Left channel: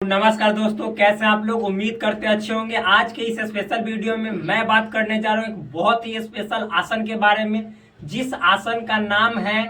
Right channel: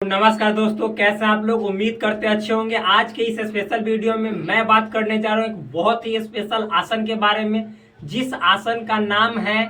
नमस्कार दोस्तों, कैसे हैं आप लोग। उम्मीद करते अच्छे होंगे। आज के इस स्पेशल वीडियो में मैं बात करने जा रहा हूँ एक बहुत ही स्पेशल आसन के बारे में, जिस आसन का नाम है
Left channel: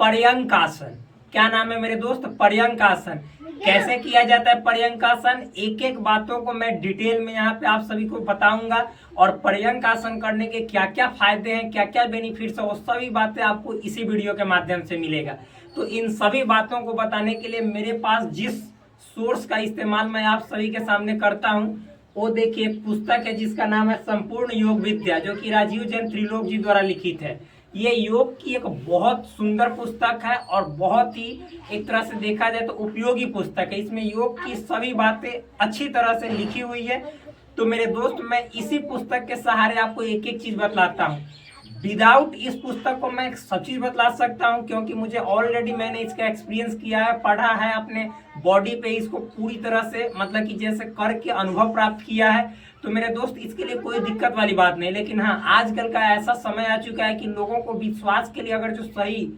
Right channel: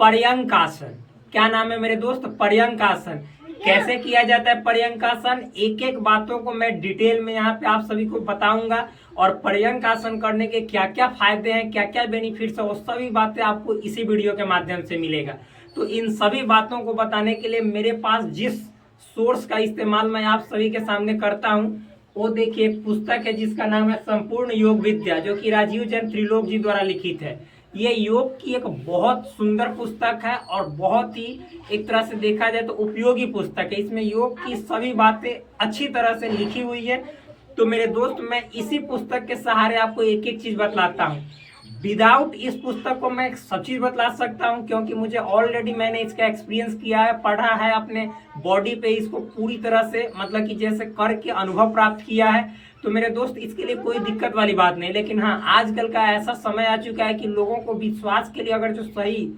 पर्यंक आसन। क्या नाम है मेरे दोस्त? पर्यंक आसन। कैसे किया जाता है पर्यंक आसन, एक एक बातों को मैं डिटेल में यहाँ पे आप सभी को बताऊंगा। और पर्यंक आसन करने के क्या क्या फायदे हैं, क्या क्या बेनिफिट्स है, वो सभी बातें आपको इसी वीडियो के माध्यम से मिलेगा। तो इन सभी बातों को बताने के लिए मेरे पास जिस सोर्स का इस्तेमाल मैं आप सभी के सामने करता हूं, वो देखिए एक पुस्तक है जिसका नाम है संपूर्ण योग विद्या, जो कि राजीव जैन त्रिलोक जी द्वारा लिखित है। ये योग की एक बहुत सुंदर पुस्तक है और बहुत ही एक तरह से देखा जाए तो उपयोगी पुस्तक है। इसमें योग की सभी बातें अच्छी तरह से लिखी हुई है। तो मेरे दोस्त, मैं इसी पुस्तक के सहारे आपको एक एक चीज बतलाता हूँ। विदाउट इस पुस्तक को मैं सब चीज बतला सकता हूँ, क्योंकि मुझे ऑलरेडी मैंने इसका एक्सपीरियंस किया है, पढ़ा है, अपने बॉडी पे इसको पूरी तरह से मतलब कि जैसे करके अनुभव प्राप्त किया है। तो मेरे दोस्त, इसके लिए कोई दिक्कत वाली बात नहीं। लेकिन हाँ, आजकल का ऐसा समय आ चुका है कि लोगों को विश्वास के लिए अगर जो सही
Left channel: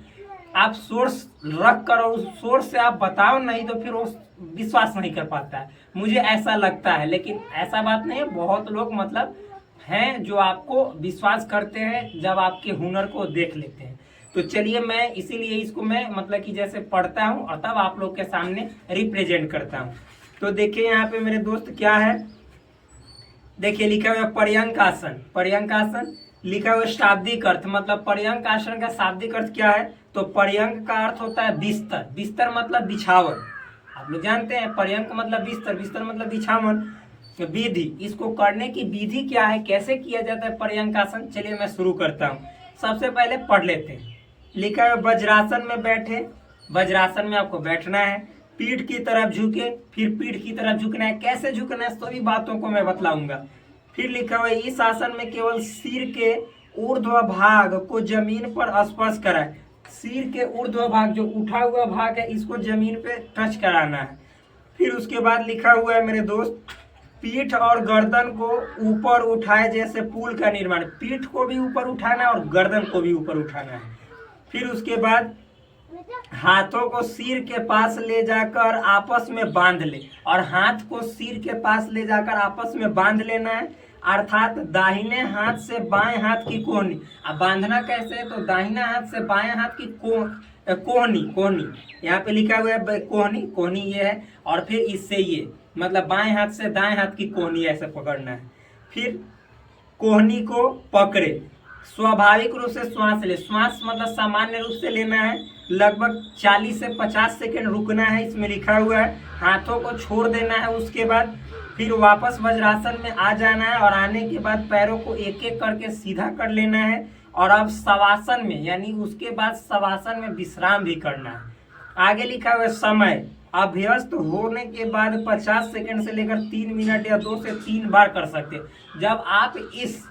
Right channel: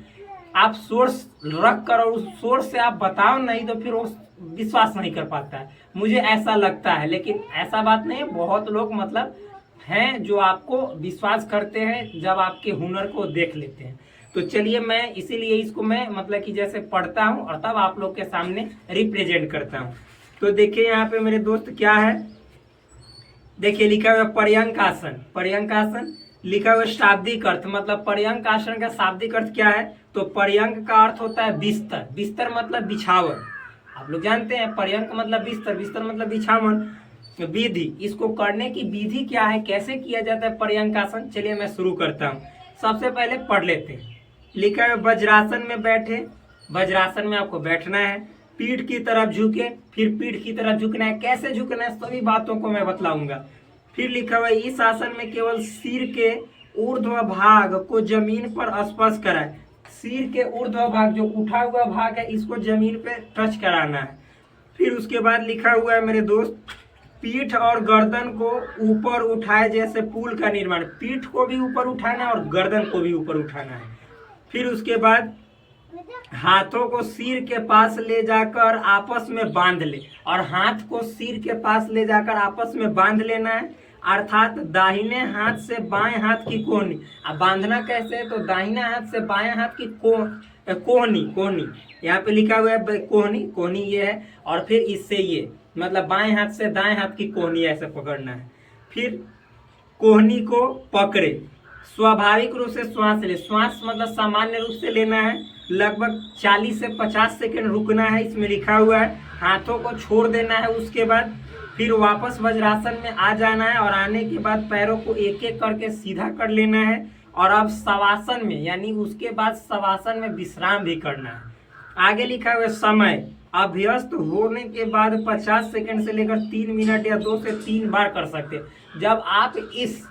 आप सोर्स रख कर और उस सोर्स से आप बताओ नहीं, तो फिर वो विश्वास नहीं कर पाता है। मुझे ऐसा लगता है, लेकिन ऐसा बात नहीं है। बहुत लोग मतलब हैं जो आपको विश्वास करते हैं जब आपके हुनर को देख लेते हैं। तो चलिए, मैं इसीलिए इसको मैं मतलब कि जैसे पढ़ता हूँ और तब आप लोग के सामने रिप्रेजेंट करता हूँ। तो देखिए यहाँ पे मेरे दोस्त क्या है, देखिए लिखा हुआ है पर्यंक आसन। पर्यंक आसन लिखा हुआ शाब्दिक अर्थ, मतलब पर्यंक आसन का शाब्दिक अर्थ क्या है? तो पर्यंक का अर्थ होता है बिस्तर। बिस्तर मतलब बिछावन। आप लोग जानते हैं पर्यंक मतलब बिस्तर, बिस्तर मतलब बिछावन। विधि, इसको करने की विधि क्या है, कैसे किया जाता है पर्यंक आसन, चलिए मैं शुरू करता हूँ। सबसे पहले पढ़ लेते हैं। लिखा है वज्रासन में बैठे। वज्रासन में आपको बैठना है, पीठ की तरफ झुके, फिर पीठ की तरफ झुकना है। कैसे झुकना है सभी बातों को मैं बतलाऊंगा। फिर लिखा हुआ है इस आसन में केवल सिर के ऊर्ध्व भाग को जमीन पर स्पर्श कराए। सिर के ऊर्ध्व भाग, जो उठा हुआ भाग है, इसको जमीन पे टच कराना है। फिर उसके बाद लिखा हुआ है मेरे दोस्त, पीठ और गर्दन को ऊपर उठाए जैसे पुल का निर्माण। पीठ को भी ऊपर उठाना है और गर्दन को भी ऊपर उठाना है। फिर उसके बाद हाथों को सिर के पास ले जाकर आपस में बांध ले, और हाथ को सिर के पास ले जाकर आपस में बांध लेना है। अर्थात दाहिने हाथ से बाएं हाथ की कोहनी। अब बांधना कैसे है? तो दाहिना हाथ से बाएं हाथ की कोहनी, कोहनी यहाँ पे लिखा हुआ है, कोहनी, कोहनी ये है। और फिर इससे ये मतलब बाएं हाथ से दाएं हाथ की कोहनी ऐसे पकड़ना है। फिर कोहनी को पकड़े, स्वाभाविक रूप से श्वास ले। श्वास मतलब सामान्य रूप से लेना है। लगभग 40 से 50 सेकंड रुकना है, इसमें लिखा हुआ है। हाथों को छोड़ देना है। उसके बाद फिर वापस वज्रासन में आ जाना है, और आने के बाद पैरों को एक एक करके सीधा कर लेना है। और अब शवासन में, यानी उसके बाद शवासन में विश्राम भी करना है। आगे लिखा हुआ है समय, अभ्यस्त होने के बाद 50 सेकंड से लेकर 3 मिनट या 2 से 3 बार कर सकते हैं। जब आप इस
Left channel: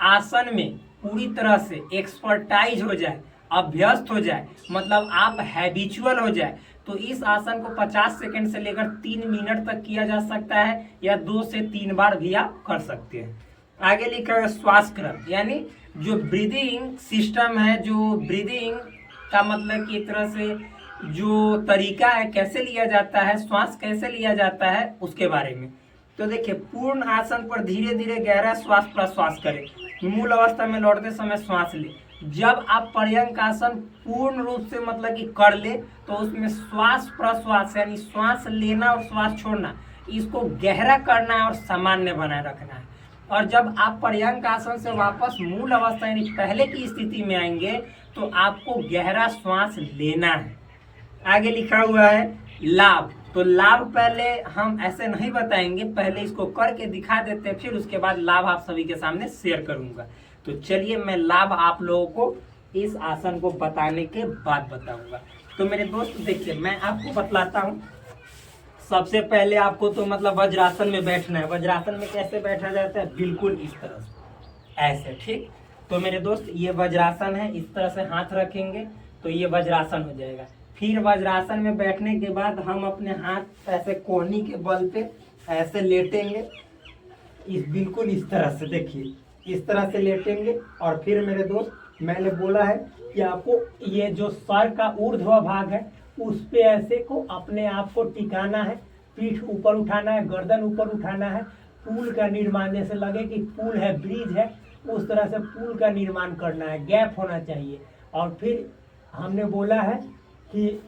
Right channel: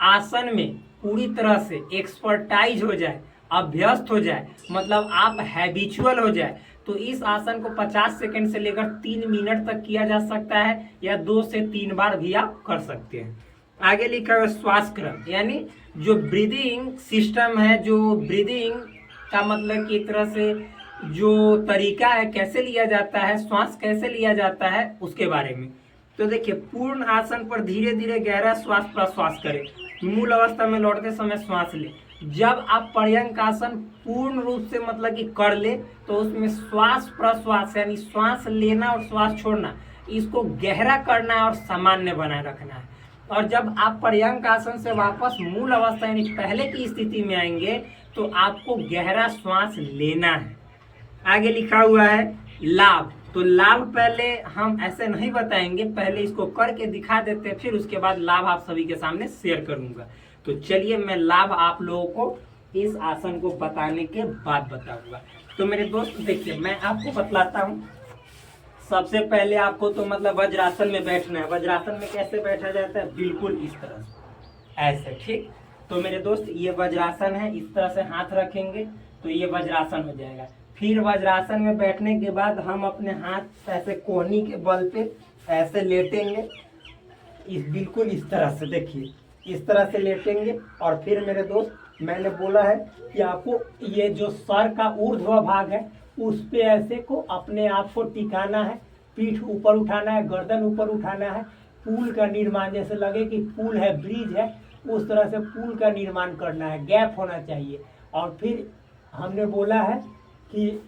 आसन में पूरी तरह से एक्सपर्टाइज हो जाए, अभ्यस्त हो जाए, मतलब आप हैबिचुअल हो जाए, तो इस आसन को 50 सेकंड से लेकर 3 मिनट तक किया जा सकता है, या 2 से 3 बार भी आप कर सकते हैं। आगे लिखा हुआ श्वास क्रम, यानी जो ब्रीदिंग सिस्टम है, जो ब्रीदिंग का मतलब कि एक तरह से जो तरीका है, कैसे लिया जाता है, श्वास कैसे लिया जाता है, उसके बारे में। तो देखिए, पूर्ण आसन पर धीरे धीरे गहरा श्वास प्रश्वास करें। मूल अवस्था में लौटते समय श्वास ले। जब आप पर्यंक आसन पूर्ण रूप से मतलब कि कर ले, तो उसमें श्वास प्रश्वास यानी श्वास लेना और श्वास छोड़ना, इसको गहरा करना है और सामान्य बनाए रखना है। और जब आप पर्यंक आसन से वापस मूल अवस्था यानी पहले की स्थिति में आएंगे, तो आपको गहरा श्वास लेना है। आगे लिखा हुआ है लाभ। तो लाभ पहले हम ऐसे नहीं बताएंगे, पहले इसको करके दिखा देते हैं, फिर उसके बाद लाभ आप सभी के सामने शेयर करूंगा। तो चलिए, मैं लाभ आप लोगों को इस आसन को बताने के बाद बताऊंगा। तो मेरे दोस्त देखिए, मैं आपको बतलाता हूँ। सबसे पहले आपको तो मतलब वज्रासन में बैठना है। वज्रासन में कैसे बैठा जाता है? बिल्कुल इस तरह से, ऐसे, ठीक। तो मेरे दोस्त, ये वज्रासन है, इस तरह से हाथ रखेंगे तो ये वज्रासन हो जाएगा। फिर वज्रासन में बैठने के बाद हम अपने हाथ ऐसे कोहनी के बल पे ऐसे लेटेंगे, बिल्कुल इस तरह से, देखिए इस तरह से लेटेंगे। और फिर मेरे दोस्त, मैंने बोला है कि आपको ये जो सर का ऊर्ध्व भाग है, उस पे ऐसे को अपने आप को टिकाना है। पीठ ऊपर उठाना है, गर्दन ऊपर उठाना है। पुल का निर्माण, जैसे लगे कि पुल है, ब्रिज है, उस तरह से पुल का निर्माण करना है, गैप होना चाहिए। और फिर हमने बोला है कि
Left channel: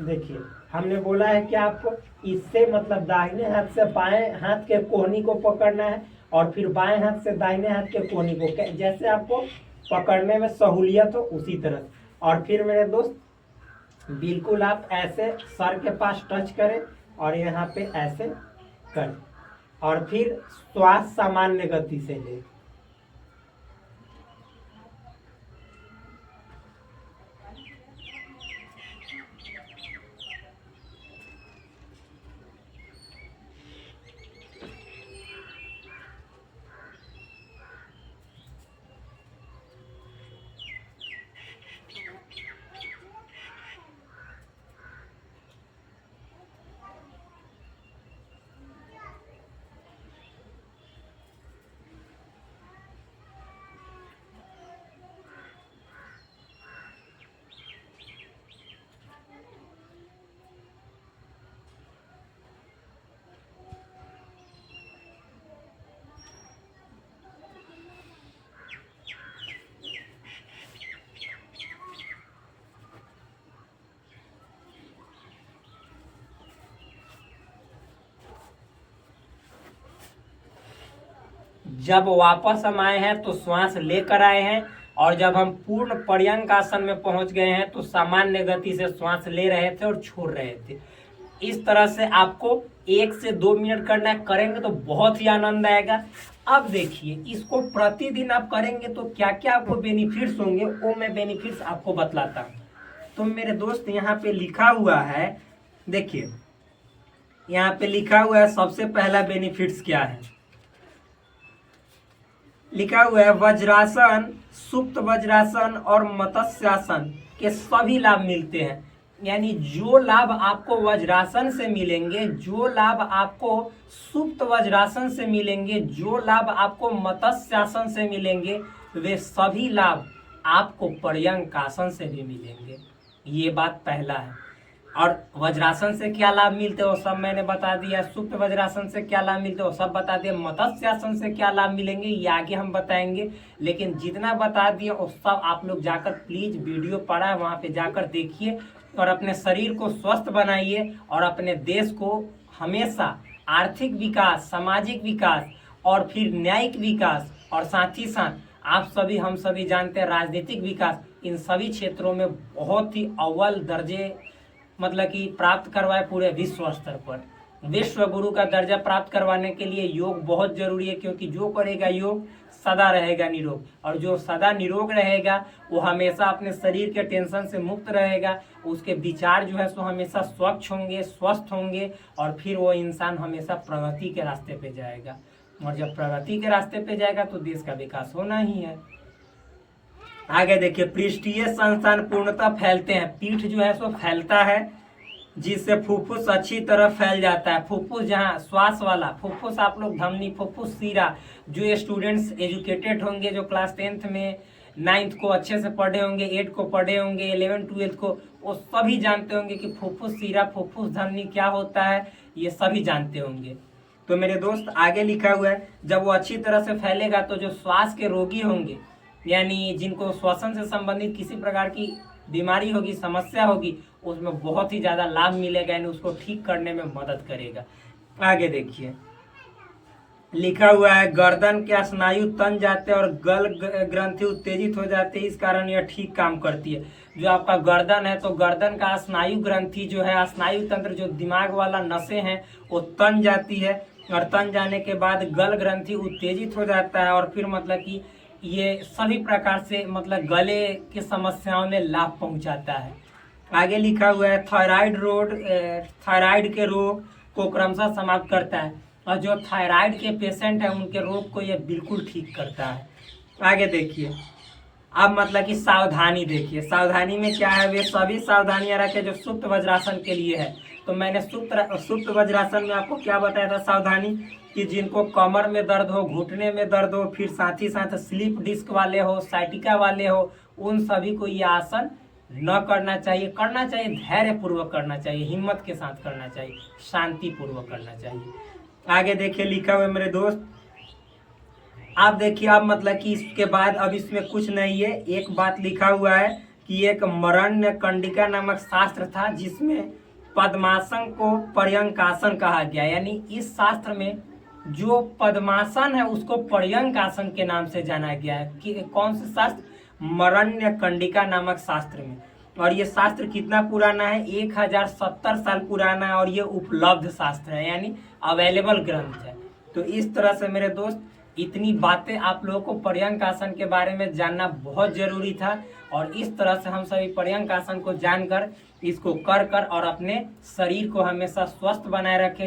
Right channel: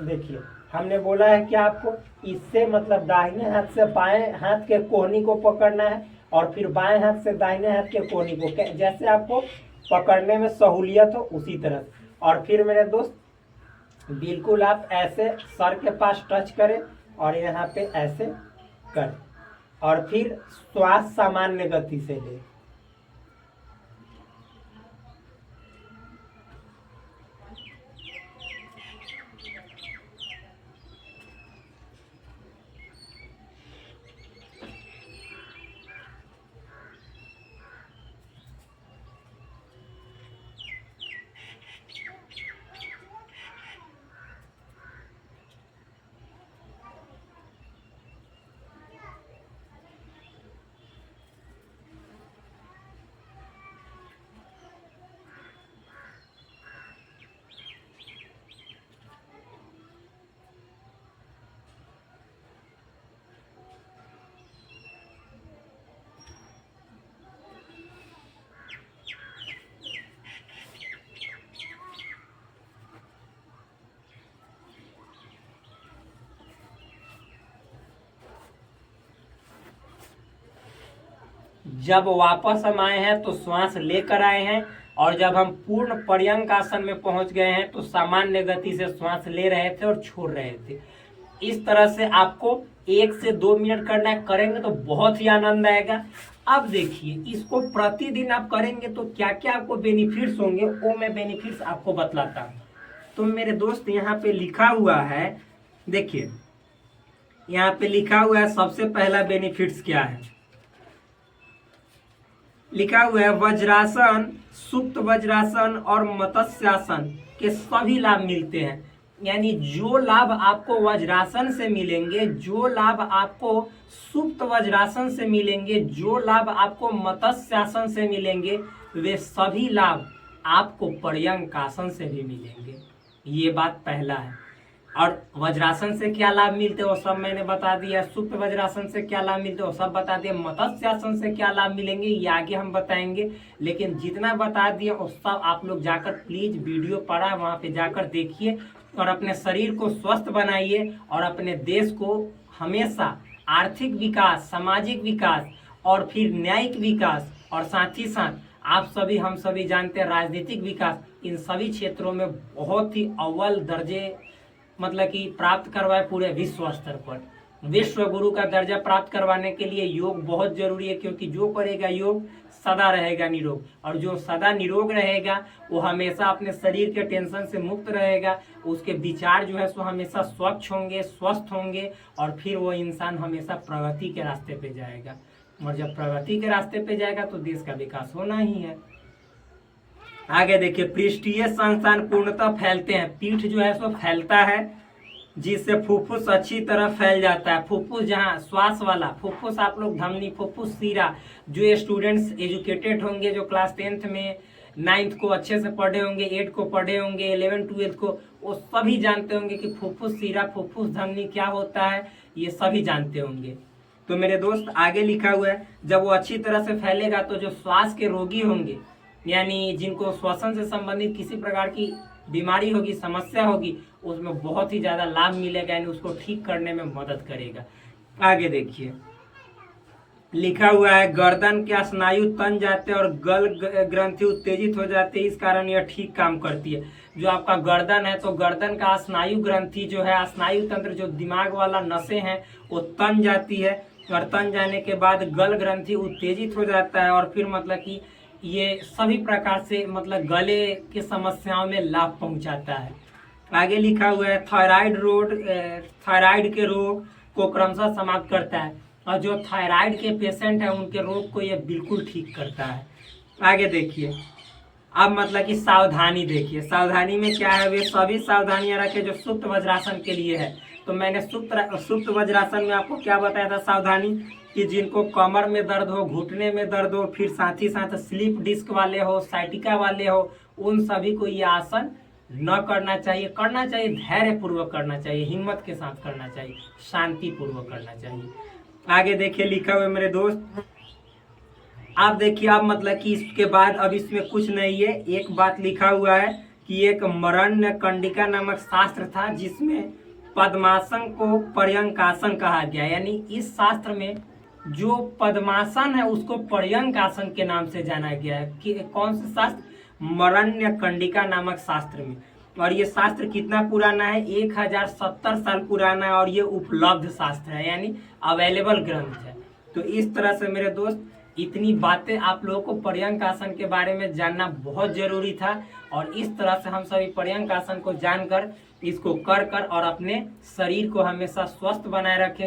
देखिए, हमने बोला है कि आपको इससे मतलब दाहिने हाथ से बाएं हाथ के कोहनी को पकड़ना है और फिर बाएं हाथ से दाहिने हाथ के कोहनी को, जैसे आपको पकड़ने में सहूलियत हो उसी तरह। और फिर मेरे दोस्त बिल्कुल आप ऐसे सर के पास टच करें और यहाँ पे ऐसे करें और फिर श्वास सामान्य गति से ले। जब वापस हम आए हैं तो श्वास लेकर आए हैं, और जब हम पूर्ण पर्यंक आसन में पहुंच गए हैं तो सामान्य गति से श्वास ले रहे थे और छोड़ रहे थे। इस तरह से आपको 1 से 2 मिनट करना है, करेंगे तो बहुत ही आनंद आएगा। अब देखिए, इसको प्रतिदिन आप करेंगे तो क्या क्या आपको बेनिफिट्स होंगे, वो मैं बेनिफिट्स आपको बतलाता हूँ। तो मेरे दोस्त यहाँ पे लिखा हुआ है, देखिए यहाँ पे लिखा हुआ है, सबसे पहला बेनिफिट्स क्या है, लिखा हुआ है वज्रासन, सुप्त वज्रासन और मत्स्यासन के सभी लाभ मिलते हैं। यानी जो लाभ आपको वज्रासन से मिलेंगे, जो लाभ आपको सुप्त वज्रासन से मिलेंगे, जो लाभ आपको मत्स्यासन से मिलेंगे, वे सभी लाभ आपको पर्यंक आसन से भी मिलेंगे। ये बात पहला है। और वज्रासन से क्या लाभ मिलते हैं वो सब मैंने बता दिया, सुप्त वज्रासन से क्या लाभ मिलते हैं वो सब बता दिया, मत्स्यासन से क्या लाभ मिलेंगे ये आगे हम बताएंगे। लेकिन जितना बता दिए वो सब आप लोग जाकर प्लीज वीडियो पढ़ा वहाँ पे जाकर देखिए और अपने शरीर को स्वस्थ बनाइए और अपने देश को हमेशा आर्थिक विकास, सामाजिक विकास और फिर न्यायिक विकास और साथ ही साथ आप सभी हम सभी जानते हैं राजनीतिक विकास, इन सभी क्षेत्रों में बहुत ही अव्वल दर्जे मतलब कि प्राप्त करवाए पूरे विश्व स्तर पर। विश्व गुरु का दर्जा प्राप्त करवाने के लिए योग बहुत जरूरी है, क्योंकि जो करेगा योग सदा रहेगा निरोग, और जो सदा निरोग रहेगा वो हमेशा अपने शरीर के टेंशन से मुक्त रहेगा, उसके विचार जो है सो हमेशा स्वच्छ होंगे, स्वस्थ होंगे, और फिर वो इंसान हमेशा प्रगति के रास्ते पे जाएगा। और जब प्रगति के रास्ते पे जाएगा तो देश का विकास होना ही है। आगे देखिए, पृष्ठीय संस्थान पूर्णतः फैलते हैं, पीठ जो है सो फैलता है जिससे फुफ्फुस अच्छी तरह फैल जाता है। फुफ्फुस जहाँ श्वास वाला फुफ्फुस, आप लोग धमनी, फुफ्फुस, सीरा, जो स्टूडेंट्स एजुकेटेड होंगे, जो क्लास 10th में 9th को अच्छे से पढ़े होंगे, 8 को पढ़े होंगे, 11 12 को, वो सभी जानते होंगे कि फुफ्फुस, सीरा, फुफ्फुस, धमनी क्या होता है, ये सभी जानते होंगे। तो मेरे दोस्त आगे लिखा हुआ है, जब वो अच्छी तरह से फैलेगा तो जो श्वास के रोगी होंगे, यानी जिनको श्वसन से संबंधित किसी प्रकार की बीमारी होगी, समस्या होगी, उसमें बहुत ही ज़्यादा लाभ मिलेगा, यानी उसको ठीक करने में मदद करेगा। आगे देखिए, लिखा हुआ है गर्दन के स्नायु तन जाते हैं और गल ग्रंथि उत्तेजित हो जाते हैं, इस कारण यह ठीक काम करती है। जो आपका गर्दन है तो गर्दन का स्नायु ग्रंथि जो है, स्नायु तंत्र, जो दिमाग वाला नसें हैं, वो तन जाती है, और तन जाने के बाद गल ग्रंथि उत्तेजित हो जाता है, और फिर मतलब कि ये सभी प्रकार से मतलब गले की समस्याओं में लाभ पहुंचाता है। आगे लिखा हुआ है थायराइड के रोग को क्रमशः समाप्त करता है, और जो थायराइड के पेशेंट हैं उनके रोग को ये बिल्कुल ठीक करता है। आगे देखिए, अब मतलब कि सावधानी देखिए, सावधानी में क्या है, वे सभी सावधानियां रखें जो सुप्त वज्रासन के लिए है। तो मैंने सुप्त वज्रासन में आपको क्या बताया था सावधानी, कि जिनको कमर में दर्द हो, घुटने में दर्द हो, फिर साथ ही साथ स्लीप डिस्क वाले हो, साइटिका वाले हो, उन सभी को ये आसन न करना चाहिए। करना चाहिए, धैर्य पूर्वक करना चाहिए, हिम्मत के साथ करना चाहिए, शांति पूर्वक करना चाहिए। आगे देखिए लिखा हुआ है मेरे दोस्त, आप देखिए, आप मतलब कि इसके बाद अब इसमें कुछ नहीं है। एक बात लिखा हुआ है कि एक मरण्य कंडिका नामक शास्त्र था जिसमें पद्मासन को पर्यंकासन कहा गया। यानी इस शास्त्र में जो पद्मासन है उसको पर्यंकासन के नाम से जाना गया है। कि कौन से शास्त्र? मरण्य कंडिका नामक शास्त्र में। और ये शास्त्र कितना पुराना है? 1070 साल पुराना है और ये उपलब्ध शास्त्र है, यानी अवेलेबल ग्रंथ है। तो इस तरह से मेरे दोस्त इतनी बातें आप लोगों को पर्यंक आसन के बारे में जानना बहुत जरूरी था। और इस तरह से हम सभी पर्यंक आसन को जानकर इसको कर और अपने शरीर को हमेशा स्वस्थ बनाए रखें।